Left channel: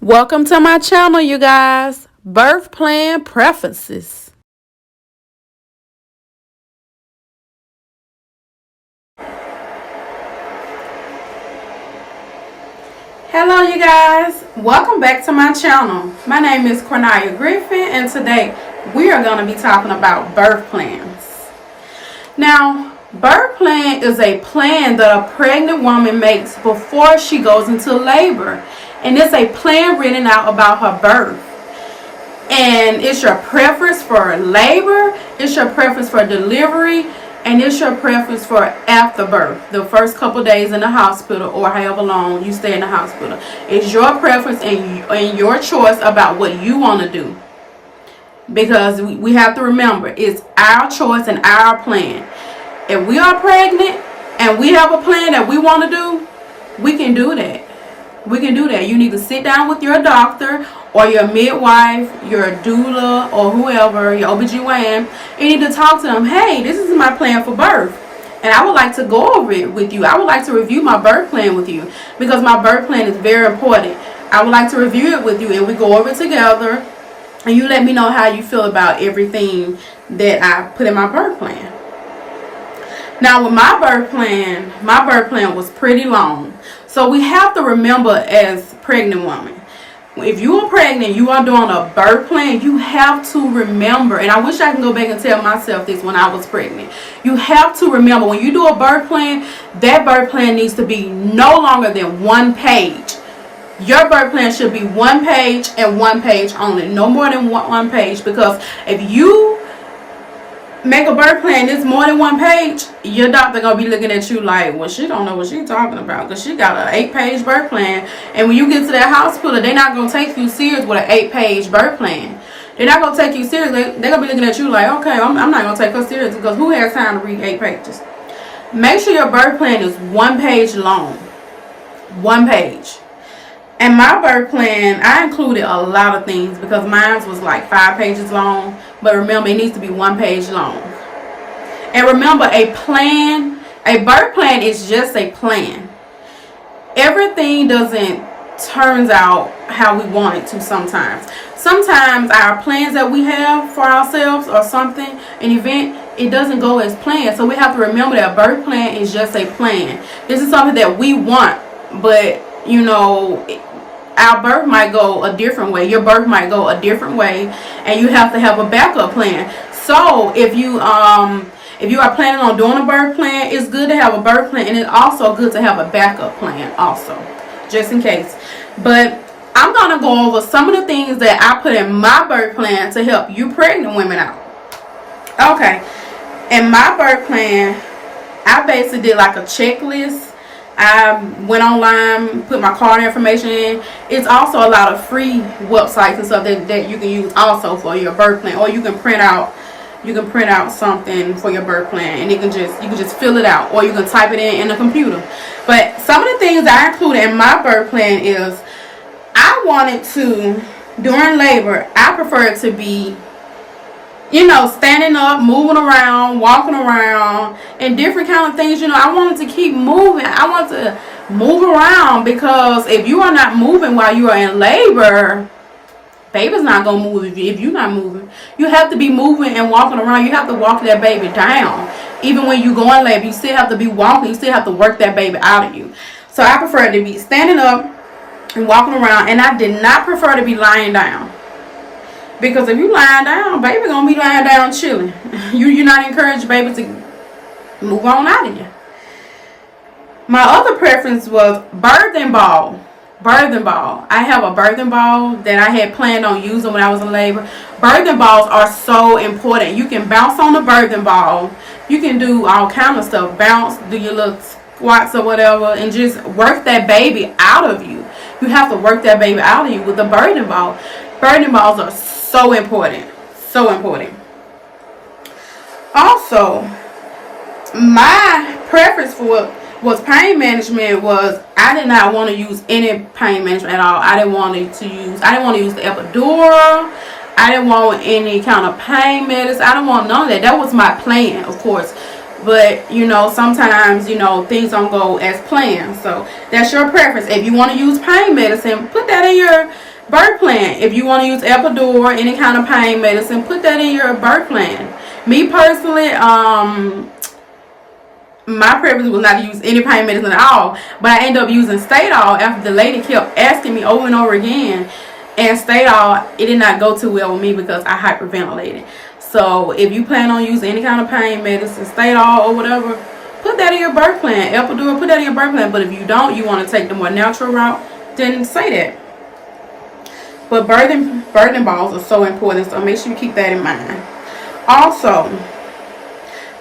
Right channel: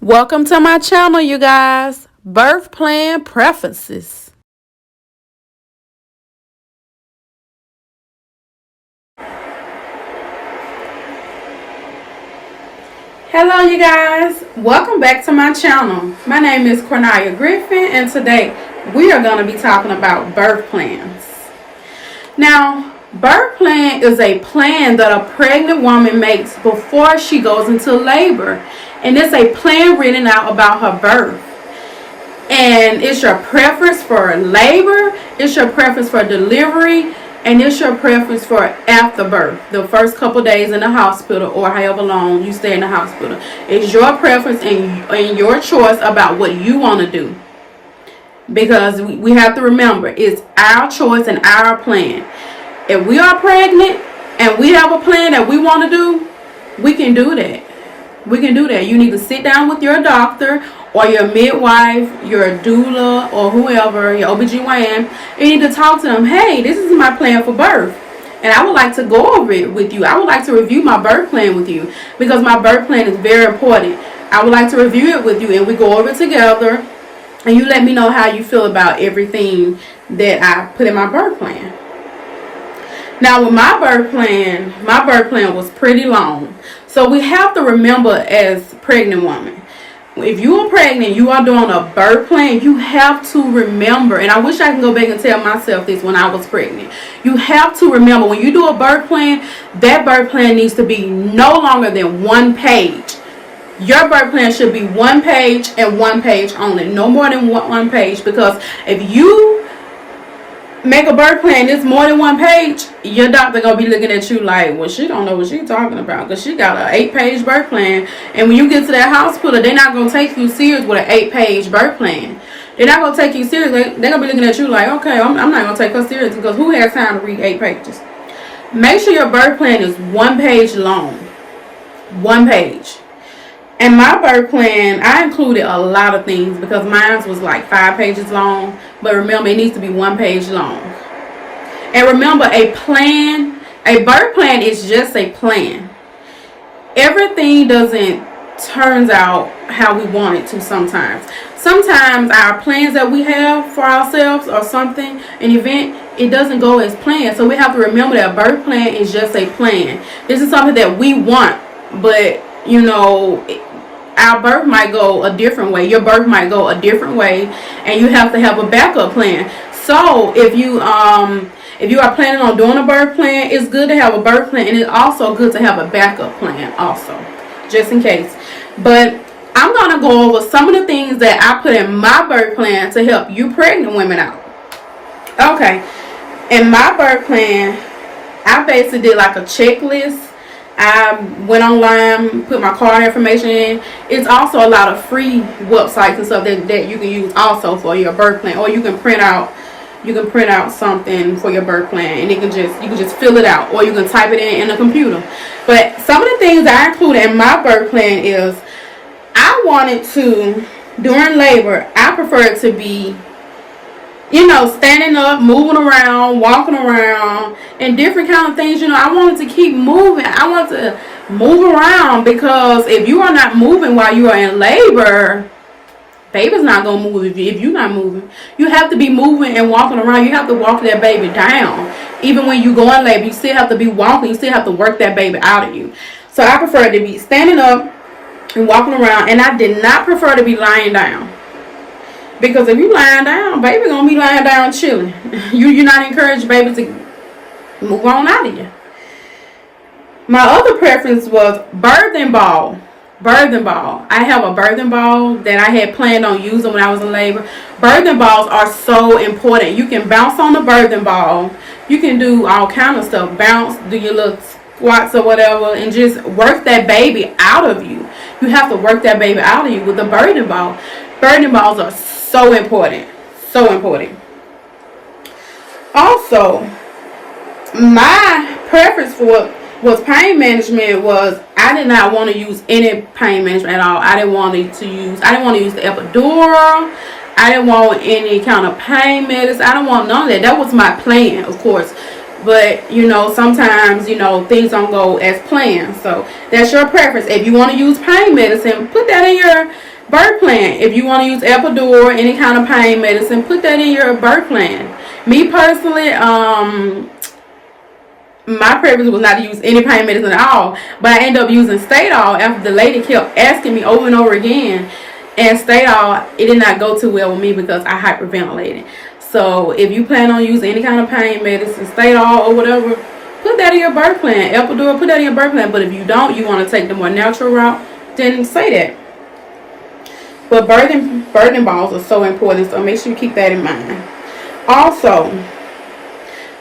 Welcome to my channel, you guys. Birth plan preferences. Hello, you guys. Welcome back to my channel. My name is Cornelia Griffin, and today we are going to be talking about birth plans. Now, birth plan is a plan that a pregnant woman makes before she goes into labor, and it's a plan written out about her birth. And it's your preference for labor, it's your preference for delivery, and it's your preference for after birth, the first couple days in the hospital or however long you stay in the hospital. It's your preference and your choice about what you want to do. Because we have to remember, it's our choice and our plan. If we are pregnant and we have a plan that we want to do, we can do that. We can do that. You need to sit down with your doctor or your midwife, your doula, or whoever, your OBGYN, and you need to talk to them. Hey, this is my plan for birth, and I would like to go over it with you. I would like to review my birth plan with you because my birth plan is very important. I would like to review it with you, and we go over it together, and you let me know how you feel about everything that I put in my birth plan. Now, with my birth plan was pretty long. So we have to remember, as pregnant women, if you are pregnant, you are doing a birth plan, you have to remember, and I wish I can go back and tell myself this when I was pregnant. You have to remember, when you do a birth plan, that birth plan needs to be no longer than one page. Your birth plan should be one page and one page only. No more than one page, because if you make a birth plan that's more than one page, your doctor gonna be looking at you like, well, she don't know what she's talking about because she got an 8-page birth plan. And when you get to that hospital, they're not gonna take you serious with an 8-page birth plan. They're not gonna take you serious. They're gonna be looking at you like, okay, I'm not gonna take her serious, because who has time to read 8 pages? Make sure your birth plan is one page long. One page. And my birth plan, I included a lot of things because mine was like 5 pages long. But remember, it needs to be one page long. And remember, a birth plan is just a plan. Everything doesn't turn out how we want it to sometimes. Sometimes our plans that we have for ourselves or something, an event, it doesn't go as planned. So we have to remember that a birth plan is just a plan. This is something that we want, but you know, our birth might go a different way. Your birth might go a different way, and you have to have a backup plan. So if you are planning on doing a birth plan, it's good to have a birth plan, and it's also good to have a backup plan also, just in case. But I'm gonna go over some of the things that I put in my birth plan to help you pregnant women out. Okay, in my birth plan, I basically did like a checklist. I went online, put my card information in. It's also a lot of free websites and stuff that you can use also for your birth plan, or you can print out something for your birth plan, and you can just fill it out, or you can type it in a computer. But some of the things I included in my birth plan is, I wanted to, during labor, I prefer it to be, standing up, moving around, walking around, and different kind of things. I wanted to keep moving. I want to move around, because if you are not moving while you are in labor, baby's not going to move if you're not moving. You have to be moving and walking around. You have to walk that baby down. Even when you go in labor, you still have to be walking. You still have to work that baby out of you. So I prefer to be standing up and walking around, and I did not prefer to be lying down. Because if you lying down, baby gonna be lying down chilling. You're not encouraged baby to move on out of you. My other preference was birthing ball. Birthing ball. I have a birthing ball that I had planned on using when I was in labor. Birthing balls are so important. You can bounce on the birthing ball. You can do all kind of stuff. Bounce, do your little squats or whatever, and just work that baby out of you. You have to work that baby out of you with the birthing ball. Birthing balls are so important. So important. Also, my preference for was pain management. Was I did not want to use any pain management at all. I didn't want to use the epidural. I didn't want any kind of pain medicine. I don't want none of that. That was my plan, of course. But you know, sometimes, you know, things don't go as planned. So that's your preference. If you want to use pain medicine, put that in your birth plan. If you want to use epidural, any kind of pain medicine, put that in your birth plan. Me personally, my preference was not to use any pain medicine at all, but I ended up using Stadol after the lady kept asking me over and over again. And Stadol, it did not go too well with me because I hyperventilated. So if you plan on using any kind of pain medicine, Stadol or whatever, put that in your birth plan. Epidural, put that in your birth plan. But if you don't, you want to take the more natural route, then say that. But birthing balls are so important, so make sure you keep that in mind. Also,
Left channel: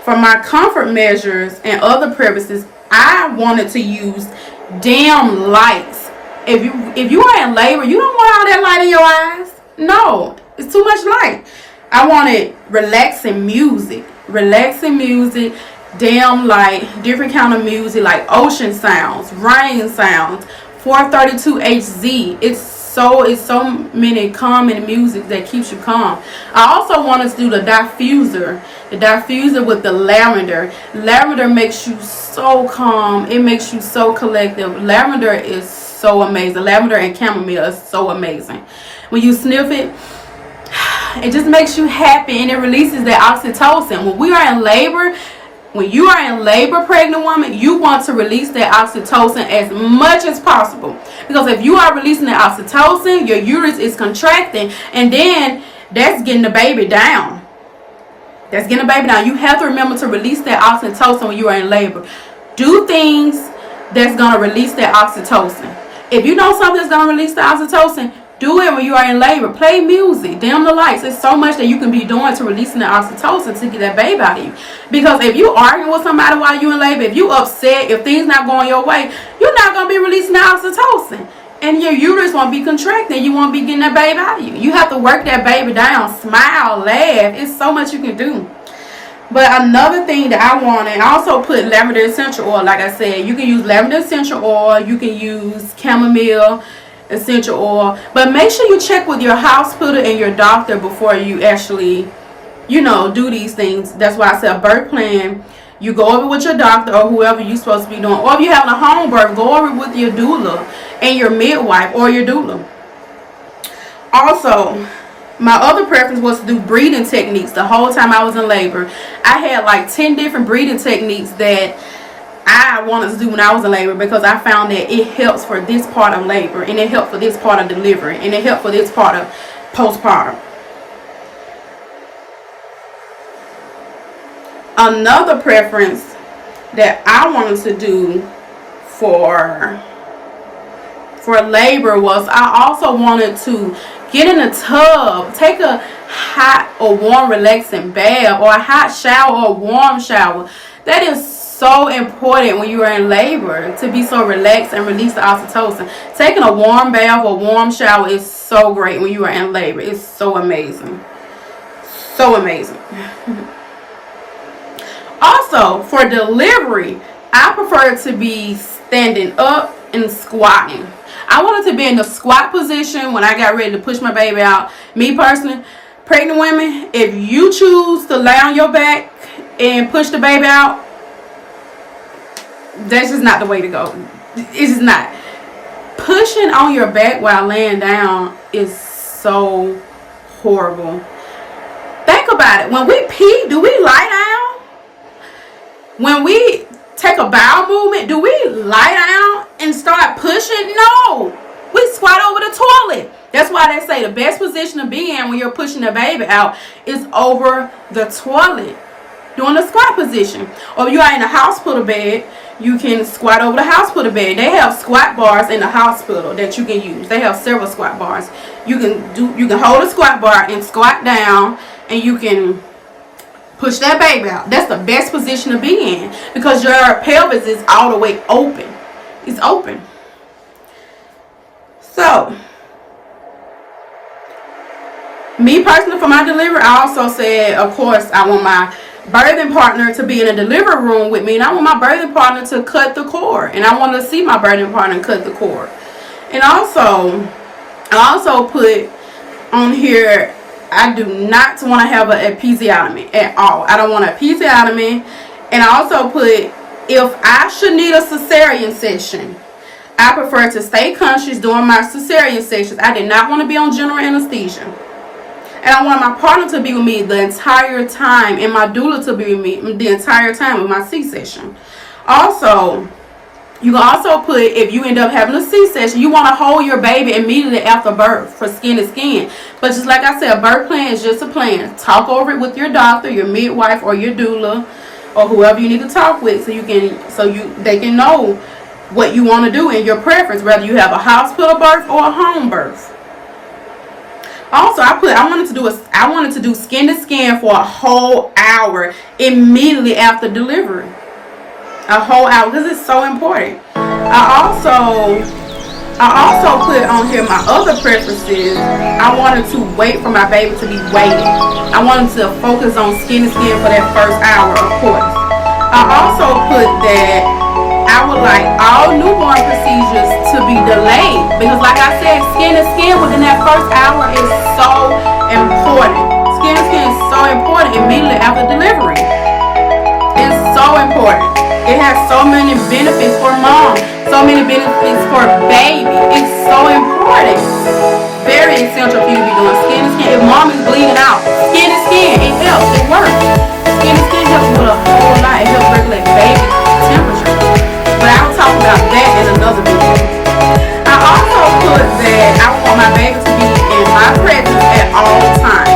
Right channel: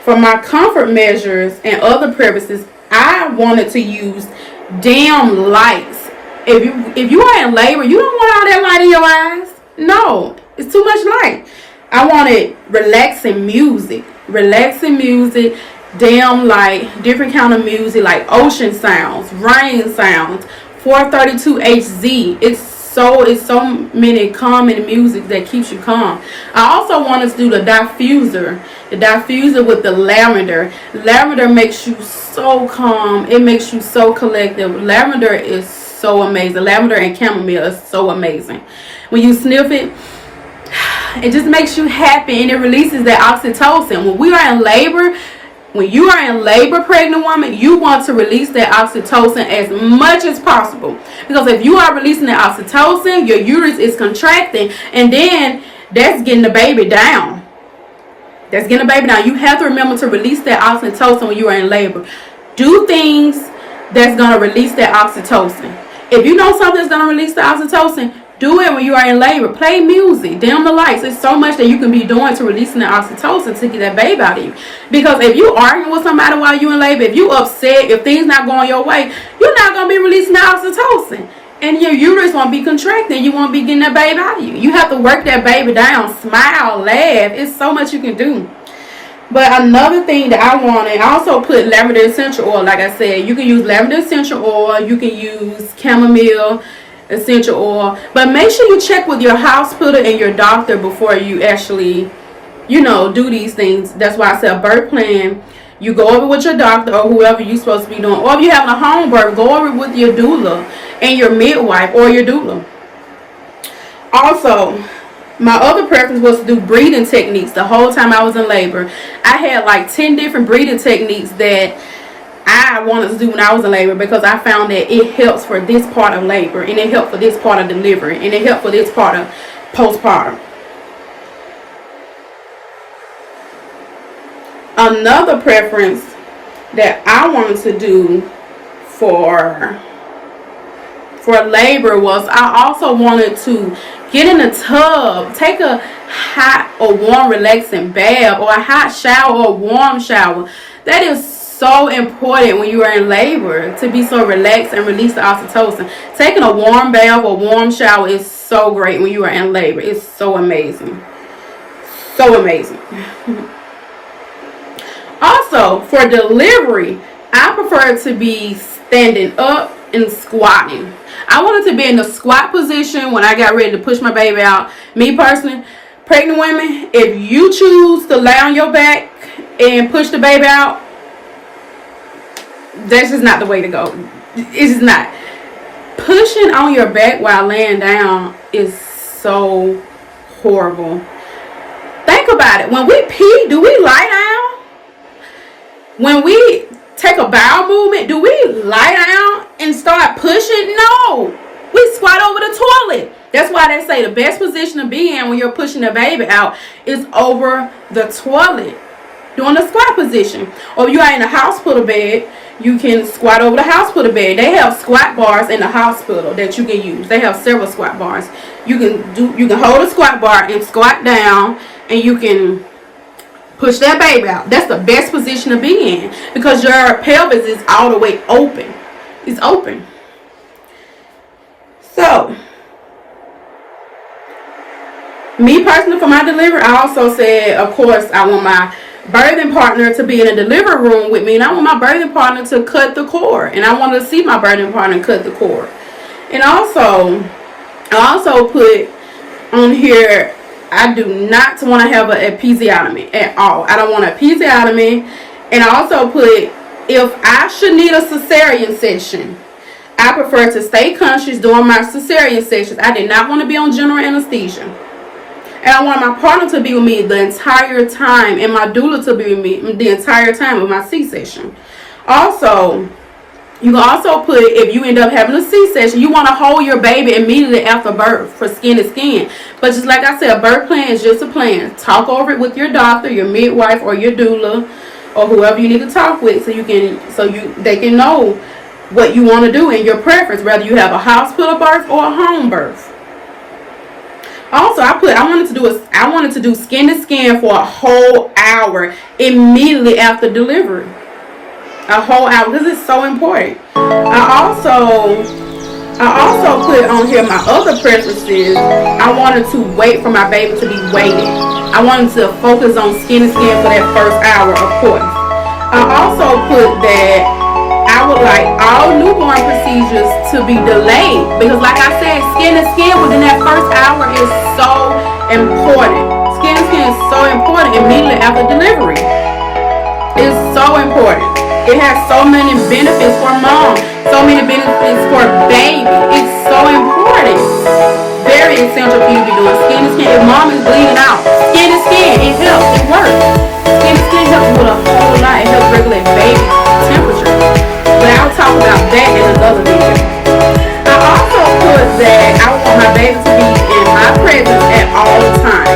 for my comfort measures and other purposes, I wanted to use dim lights. If you are in labor, you don't want all that light in your eyes. No, it's too much light. I wanted relaxing music, dim light, different kind of music like ocean sounds, rain sounds, 432 Hz. It's so many calming music that keeps you calm. I also wanted to do the diffuser with the lavender. Lavender makes you so calm. It makes you so collective. Lavender is so amazing. Lavender and chamomile is so amazing. When you sniff it, it just makes you happy, and it releases that oxytocin. When you are in labor, pregnant woman, you want to release that oxytocin as much as possible. Because if you are releasing the oxytocin, your uterus is contracting, and then that's getting the baby down. You have to remember to release that oxytocin when you are in labor. Do things that's going to release that oxytocin. If you know something that's going to release the oxytocin, do it when you are in labor. Play music. Dim the lights. There's so much that you can be doing to releasing the oxytocin to get that baby out of you. Because if you arguing with somebody while you're in labor, if you upset, if things not going your way, you're not going to be releasing the oxytocin. And your uterus won't be contracting. You won't be getting that baby out of you. You have to work that baby down. Smile. Laugh. It's so much you can do. But another thing that I wanted, I also put lavender essential oil. Like I said, you can use lavender essential oil. You can use chamomile essential oil, but make sure you check with your hospital and your doctor before you actually, you know, do these things. That's why I said a birth plan. You go over with your doctor or whoever you're supposed to be doing, or if you're having a home birth, go over with your doula and your midwife or your doula. Also, my other preference was to do breathing techniques. The whole time I was in labor, I had like 10 different breathing techniques that I wanted to do when I was in labor, because I found that it helps for this part of labor, and it helped for this part of delivery, and it helped for this part of postpartum. Another preference that I wanted to do for labor was I also wanted to get in a tub, take a hot or warm relaxing bath, or a hot shower or a warm shower. That is so important when you are in labor, to be so relaxed and release the oxytocin. Taking a warm bath or warm shower is so great when you are in labor. It's so amazing. So amazing. Also, for delivery, I prefer to be standing up and squatting. I wanted to be in the squat position when I got ready to push my baby out. Me personally, pregnant women, if you choose to lay on your back and push the baby out, that's just not the way to go. It's just not. Pushing on your back while laying down is so horrible. Think about it. When we pee, do we lie down? When we take a bowel movement, do we lie down and start pushing? No. We squat over the toilet. That's why they say the best position to be in when you're pushing the baby out is over the toilet, doing the squat position. Or if you are in a hospital bed, you can squat over the hospital bed. They have squat bars in the hospital that you can use. They have several squat bars. You can hold a squat bar and squat down, and you can push that baby out. That's the best position to be in, because your pelvis is all the way open. It's open. So, me personally, for my delivery, I also said, of course, I want my birthing partner to be in a delivery room with me, and I want my birthing partner to cut the cord, and I want to see my birthing partner cut the cord. And also, I also put on here, I do not want to have an episiotomy at all. I don't want an episiotomy, And I also put, if I should need a cesarean section, I prefer to stay conscious during my cesarean sections. I did not want to be on general anesthesia. And I wanted my partner to be with me the entire time, and my doula to be with me the entire time of my C-section. Also, you can also put, if you end up having a C-section, you want to hold your baby immediately after birth for skin to skin. But just like I said, a birth plan is just a plan. Talk over it with your doctor, your midwife, or your doula, or whoever you need to talk with, they can know what you want to do and your preference, whether you have a hospital birth or a home birth. Also, I wanted to do skin to skin for a whole hour immediately after delivery. A whole hour, because it's so important. I also put on here my other preferences. I wanted to wait for my baby to be weighed. I wanted to focus on skin to skin for that first hour, of course. I also put that I would like all newborn procedures to be delayed, because like I said, skin to skin within that first hour is so important. Skin to skin is so important immediately after delivery. It's so important. It has so many benefits for mom, so many benefits for baby. It's so important. Very essential for you to be doing skin to skin. If mom is bleeding out, skin to skin, it helps, it works. Skin to skin helps with a whole lot. It helps regulate baby temperature. But I'll talk about that in another video. I also put that I want my baby to be in my presence at all times.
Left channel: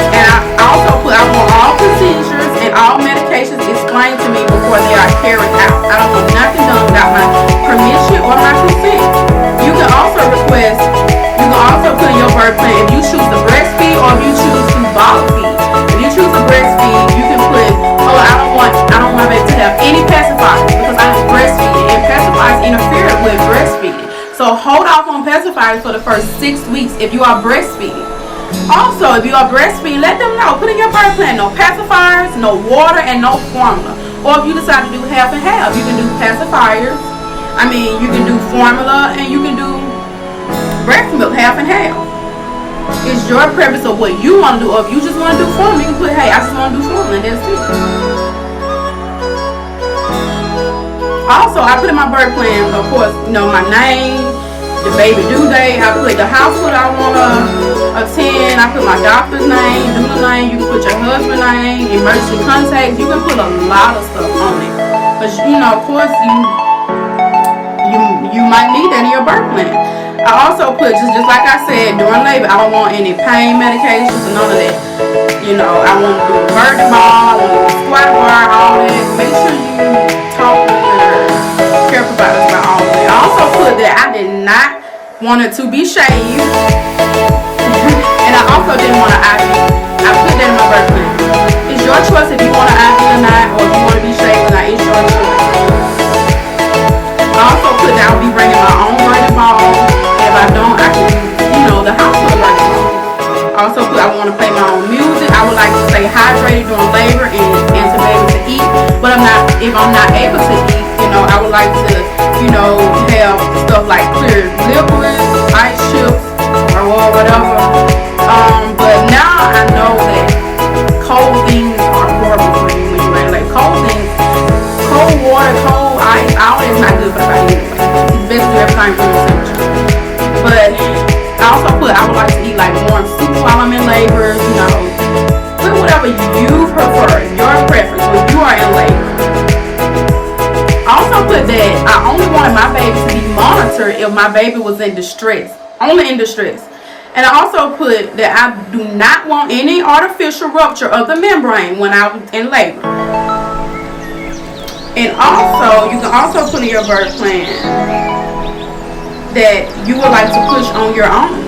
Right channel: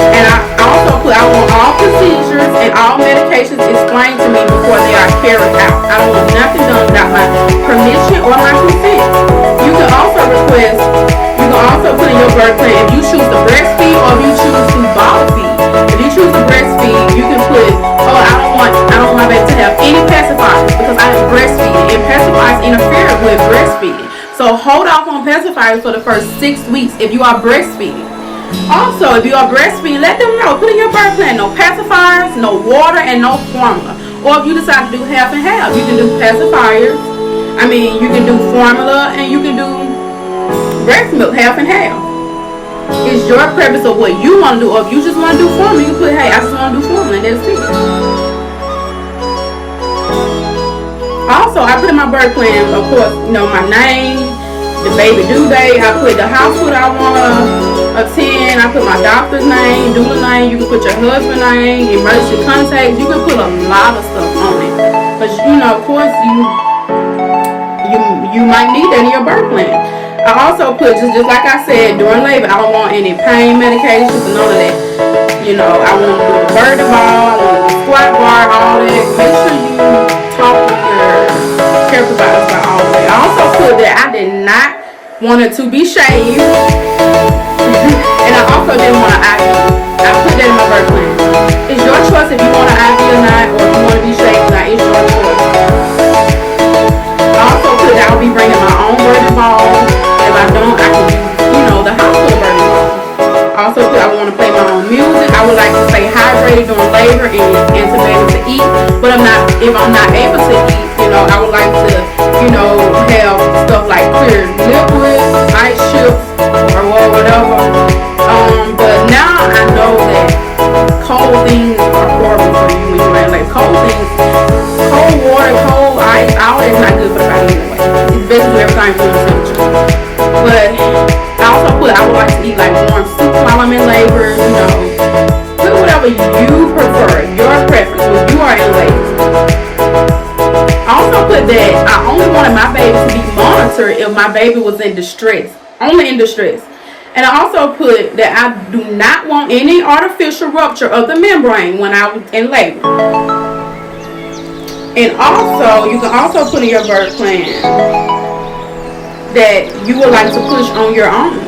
And I also put I want all procedures and all medications explained to me before they are carried out. I don't want nothing done without my permission or my consent. You can also put in your birth plan if you choose to breastfeed or if you choose to bottle feed. If you choose to breastfeed, you can put, I don't want my baby to have any pacifiers because I am breastfeeding, and pacifiers interfere with breastfeeding. So hold off on pacifiers for the first 6 weeks if you are breastfeeding. Also, if you are breastfeeding, let them know. Put in your birth plan, no pacifiers, no water, and no formula. Or if you decide to do half and half, you can do pacifiers. You can do formula, and you can do breast milk half and half. It's your preference of what you want to do. Or if you just want to do formula, you can put, hey, I just want to do formula, and that's it. Also, I put in my birth plan, of course, my name, the baby due date. I put the hospital I want to attend. I put my doctor's name, doula name. You can put your husband's name, emergency contacts. You can put a lot of stuff on it. But, of course, you might need that in your birth plan. I also put, just like I said, during labor, I don't want any pain medications or none of that. I want to do the birthing ball, I want to do the squat bar, all that. Make sure you talk with your care providers about all of that. I also put that I did not want it to be shaved. And I also didn't want an IV. I put that in my birth plan. It's your choice if you want an IV or not, or if you want to be shaved or not. It's your choice. I also put that I'll be bringing my own birthing ball. If I don't, I can use, the hospital birthing ball. I also put I want to play my own music. I would like to stay hydrated during labor and to be able to eat. But if I'm not able to eat, I would like to, have stuff like clear liquids, ice chips, or whatever. But now I know that cold things are horrible for you when you're in labor. Cold water, cold ice, all that is not good for the body anyway. It's basically everything from the temperature. But I also put I would like to eat like warm soup while I'm in labor, Put whatever you prefer, your preference when you are in labor. I also put that I only wanted my baby to be monitored if my baby was in distress. Only in distress. And I also put that I do not want any artificial rupture of the membrane when I was in labor. And also, you can also put in your birth plan that you would like to push on your own.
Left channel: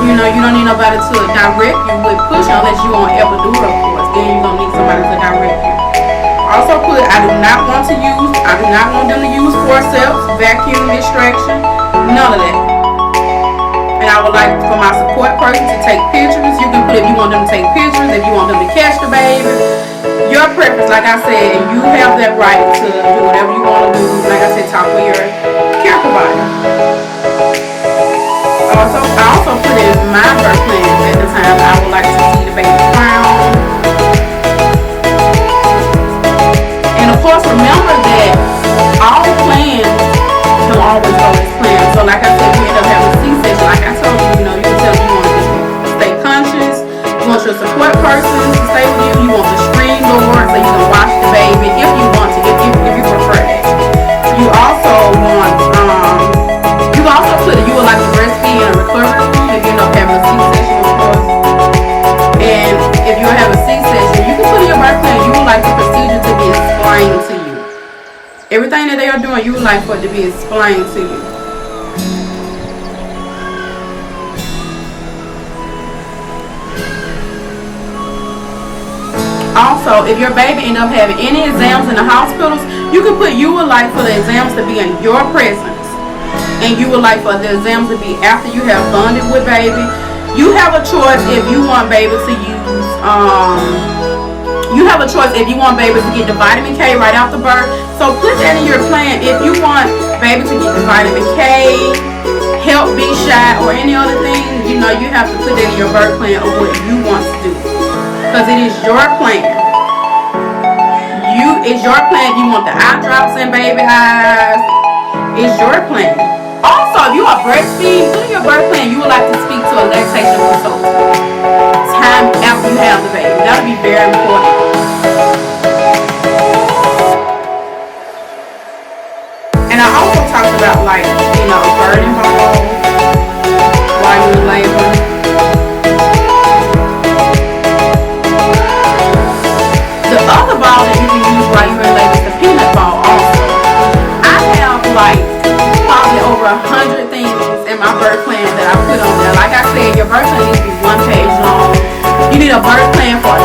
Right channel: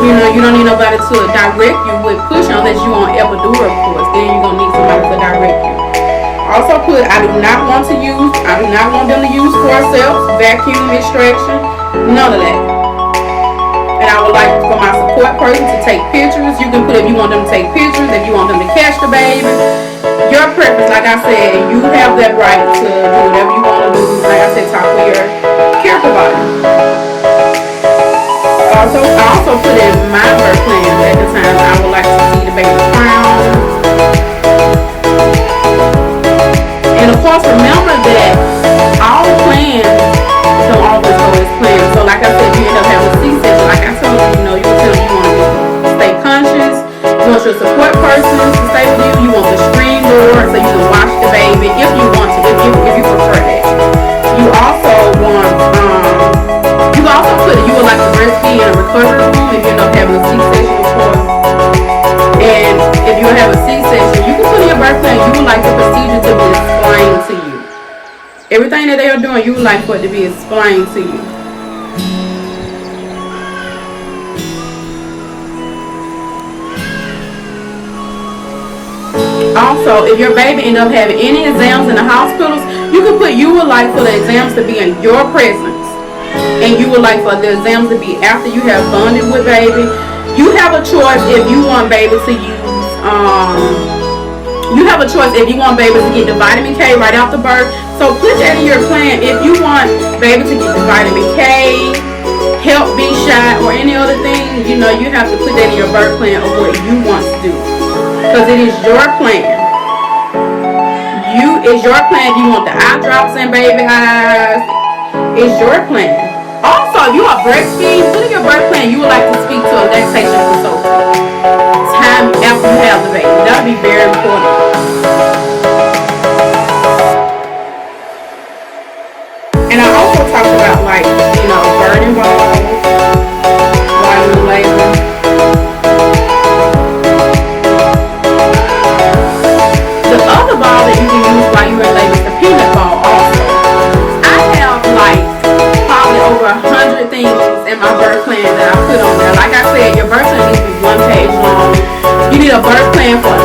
You don't need nobody to direct you with pushing unless you want epidural, of course. Then you're going to need somebody to direct you. Also put, I do not want them to use forceps, vacuum extraction, none of that. And I would like for my support person to take pictures. You can put if you want them to take pictures, if you want them to catch the baby. Your preference, like I said, you have that right to do whatever you want to do. Like I said, talk with your care provider. I also put in my birth plan at the time I would like to see the baby crown. course, remember that all plans don't always go as planned. So like I said, you end up having a C-section. Like I told you, you were telling you want to stay conscious. You want your support person to stay with you. You want the screen door so you can watch the baby if you want to, if you prefer that. You also want, you also put it, you would like to breastfeed in a recovery room if you end up having a C-section, of course. And if you have a C-section, you can put in your birth plan, you would like the procedure to be explained to you. Everything that they are doing, you would like for it to be explained to you. Also, if your baby end up having any exams in the hospitals, you can put you would like for the exams to be in your presence. And you would like for the exams to be after you have bonded with baby. You have a choice if you want baby to use, you have a choice if you want baby to get the vitamin K right after birth. So put that in your plan. If you want baby to get the vitamin K, Hep B shot, or any other thing, you have to put that in your birth plan of what you want to do. Because it is your plan. It's your plan. If you want the eye drops and baby eyes, it's your plan. Also, if you are breastfeeding, put in your birth plan you would like to speak to a lactation consultant time after you have the baby. That would be very important. And I also talked about burning balls while you're in labor. The other ball that you can use while you're in labor is the peanut ball also. I have probably over 100 things in my birth plan that I put on there. Like I said, your birth plan needs to be 1 page long. You need a birth plan for